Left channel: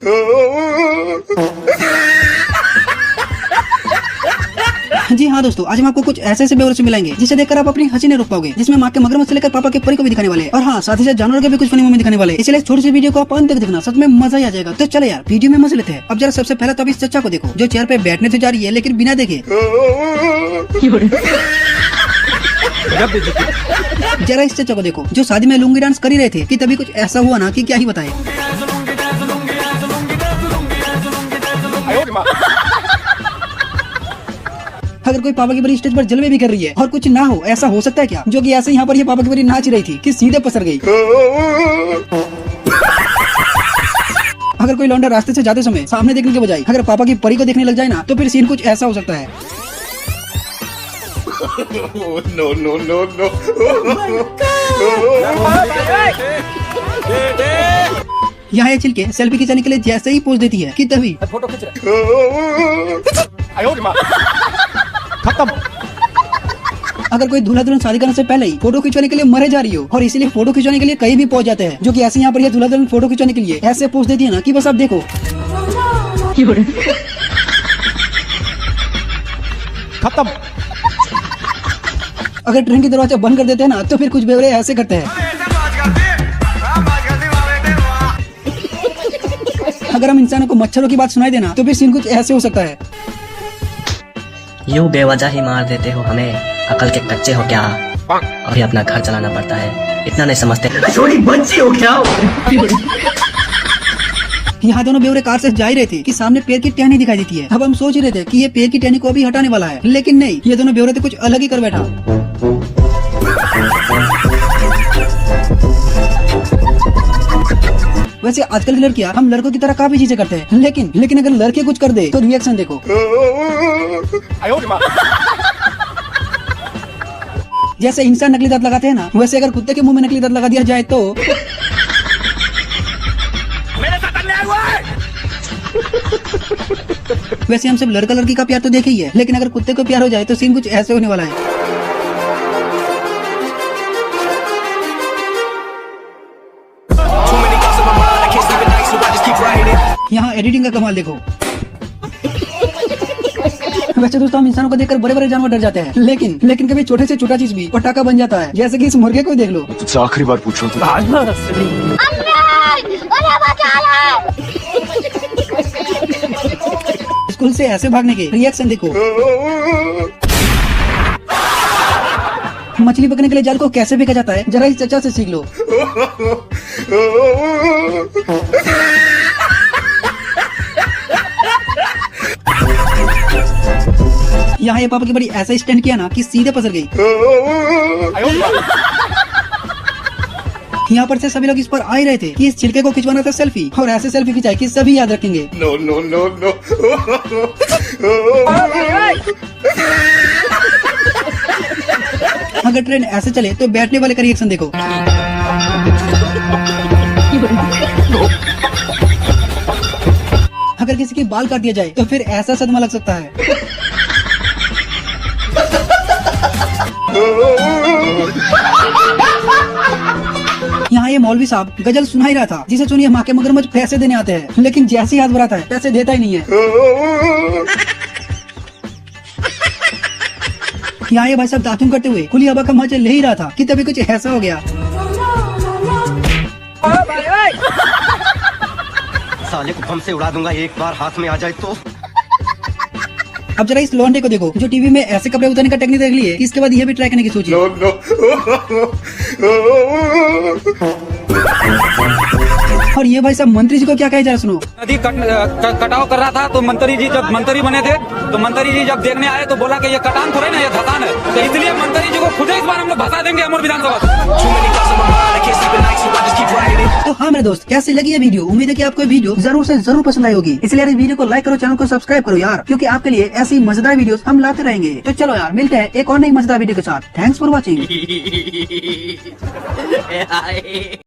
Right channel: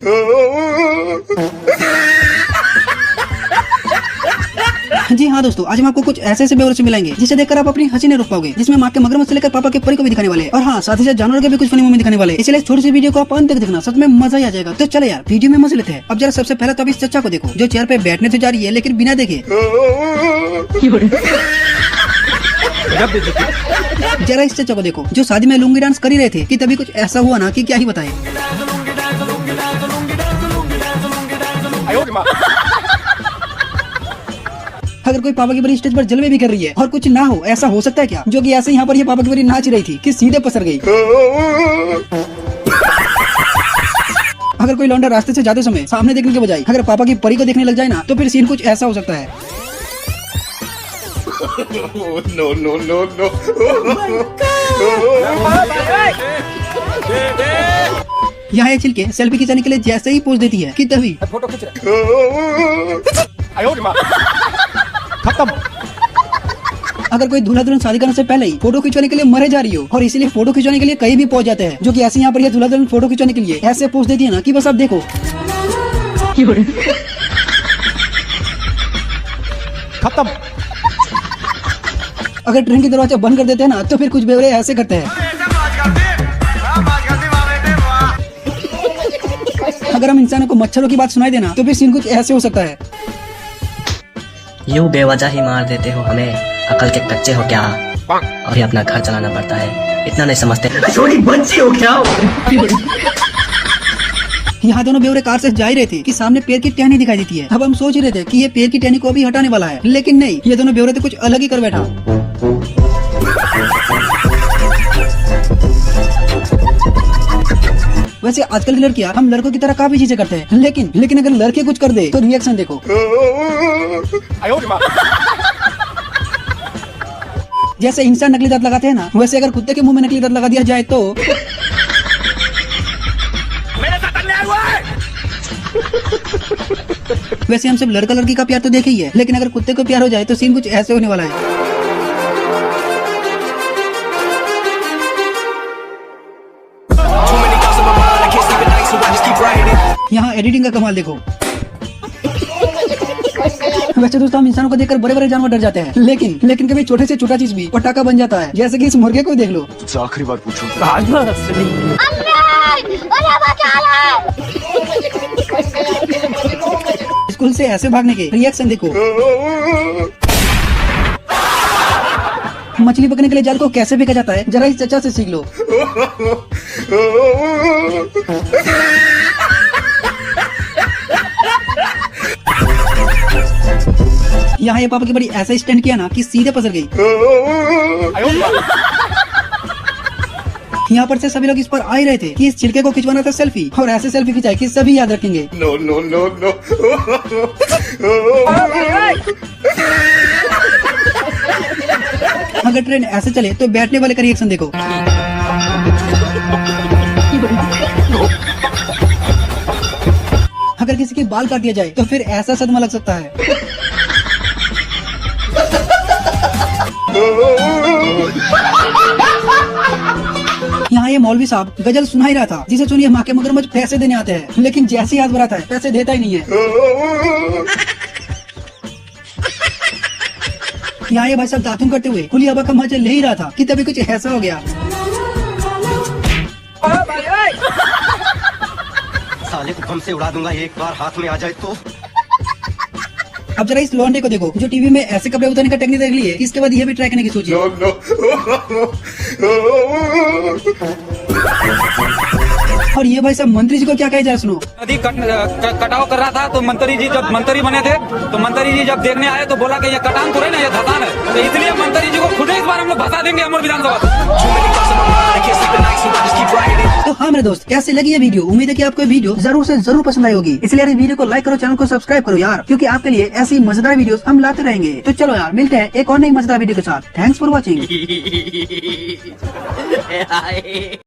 जी हाँ दोस्तों, आज हम आपको कुछ ऐसे बेवर से मिलेंगे जिसे देखकर आप अपनी हंसी नहीं रोक पाओगे, जिसमें माँ के मगरमच्छ से लेकर पापा के परी को भी दिखाने वाले हैं, और हाँ साथ ही साथ जानवर के भी कुछ फिल्म में दिखाने वाले हैं। इसलिए छोटी सी वीडियो को आप अंत तक देखना, सच में मजा ही आ जाएगा। तो चलो यार वीडियो में मजे लेते हैं। अब जरा सबसे पहले तो इस चच्चा को देखो जो चेयर पे बैठने से जा रही है लेकिन बिना देखे। जरा इस चच्चा को देखो जो शादी में लुंगी डांस कर ही रहे थे कि तभी कुछ ऐसा हुआ ना कि क्या ही बताए। अगर कोई पापा की बड़ी स्टेज पर जलवे भी कर रही है और कुछ ना हो, ऐसा हो सकता है क्या? जो कि ऐसे यहाँ पर ये पापा की बड़ी नाच रही थी कि सीधे पसर गई। अगर कोई लौंडा रास्ते से जाते समय सामने देखने के बजाय अगर पापा की परी को देखने लग जाए ना, तो फिर सीन कुछ ऐसा हो सकता है। No. यहाँ चिलके सेल्फी खिंचाने के लिए जैसे ही पोज देती है कि तभी फोटो खींच खत्म। अगर कोई दूल्हा दुल्हन शादी करने से पहले ही फोटो खिंचवाने के लिए मरे जा रही हो और इसीलिए फोटो खिंचवाने के लिए कहीं भी पहुंच जाते हैं, जो कि ऐसे यहाँ पर ये दूल्हा दुल्हन फोटो खिंचवाने के लिए ऐसे पोज देती है ना कि बस आप देखो। खत्म। अगर ट्रेन के दरवाजे बंद कर देते हैं ना, तो फिर कुछ बेवड़े ऐसे करते हैं। अगर हम इंसानों को मच्छरों की बात सुनाई देना, तो फिर सीन कुछ ऐसे हो सकता है। यूं बेवजह ही मार देते हो हमें, अकल के कच्चे हो क्या? और अपना घर चलाना पड़ता है, इतना नहीं समझते। बच्चे हो क्या? यहाँ दोनों बेवड़े कार से जा ही रहे थे कि सामने पेड़ की टहनी दिखाई देती है। अब हम सोच रहे थे कि ये पेड़ की टहनी को अभी हटाने वाला है, लेकिन नहीं, ये दोनों बेवड़े थे कुछ अलग ही कर बैठा। वैसे आजकल की लड़कियां हम लड़कों की तरह काफी चीजें करते हैं, लेकिन अगर लड़के कुछ कर दे तो रिएक्शन देखो। जैसे इंसान नकली दांत लगाते हैं ना, वैसे अगर कुत्ते के मुंह में नकली दांत लगा दिया जाए तो वैसे हम सब लड़का लड़की का प्यार तो देखे ही है, लेकिन अगर कुत्ते को प्यार हो जाए तो सीन कुछ ऐसे होने वाला है। यहाँ एडिटिंग का कमाल देखो। वैसे दोस्तों हम इंसानों को देखकर बड़े बड़े जानवर डर जाते हैं, लेकिन कभी छोटे से छोटा चीज भी पटाखा बन जाता है, जैसे कि इस मुर्गे को देख लो। आखिरी बार पूछो। स्कूल से ऐसे भागने की रिएक्शन देखो। मछली पकड़ने के लिए जाल को कैसे फेंका जाता है, जरा इस चचा से सीख लो। यहाँ ये पापा की बड़ी ऐसा स्टैंड किया ना कि सीधे पसर गई। यहाँ पर से सभी लोग इस पर आ ही रहे थे कि इस छिलके को खिंचवाना था सेल्फी, और ऐसे सेल्फी खिंचाई कि सभी याद रखेंगे। No. अगर ट्रेन ऐसे चले तो बैठने वाले का रिएक्शन देखो। अगर किसी के बाल काट दिया जाए तो फिर ऐसा सदमा लग सकता है। यहाँ ये मौलवी साहब गजल सुना ही रहा था, जिसे सुनिए माँ के मगरमच्छ पैसे देने आते हैं, लेकिन जैसे ही हाथ बढ़ाता है पैसे देता ही नहीं है। यहाँ ये भाई साहब दातुन काटते हुए खुली हवा का मजा ले ही रहा था कि तभी कुछ ऐसा हो गया। साले को बम से उड़ा दूंगा एक बार हाथ में आ जाए तो। अब जरा इस लौंडे को देखो जो टीवी में ऐसे कपड़े उतारने का टेक्निक देख लिए, इसके बाद ये भी ट्राई करने की सोची। और ये भाई साहब मंत्री जी को क्या कहे जरा सुनो। कटाव कर रहा था तो मंत्री जी जब मंत्री बने थे तो मंत्री जी जब देखने आए तो बोला कि ये कटान थोड़े ना, ये धतान है, तो इसलिए मंत्री जी को खुद इस बार हमको भसा देंगे अमर विधानसभा। तो हाँ मेरे दोस्त, कैसी लगी ये वीडियो? उम्मीद है कि आपको वीडियो जरूर से जरूर पसंद आई होगी, इसलिए यार वीडियो को लाइक करो, चैनल को सब्सक्राइब करो यार, क्योंकि आपके लिए ऐसी मजेदार वीडियोस हम लाते रहेंगे। तो चलो यार मिलते हैं एक और नई मजेदार वीडियो के साथ। Thanks for watching.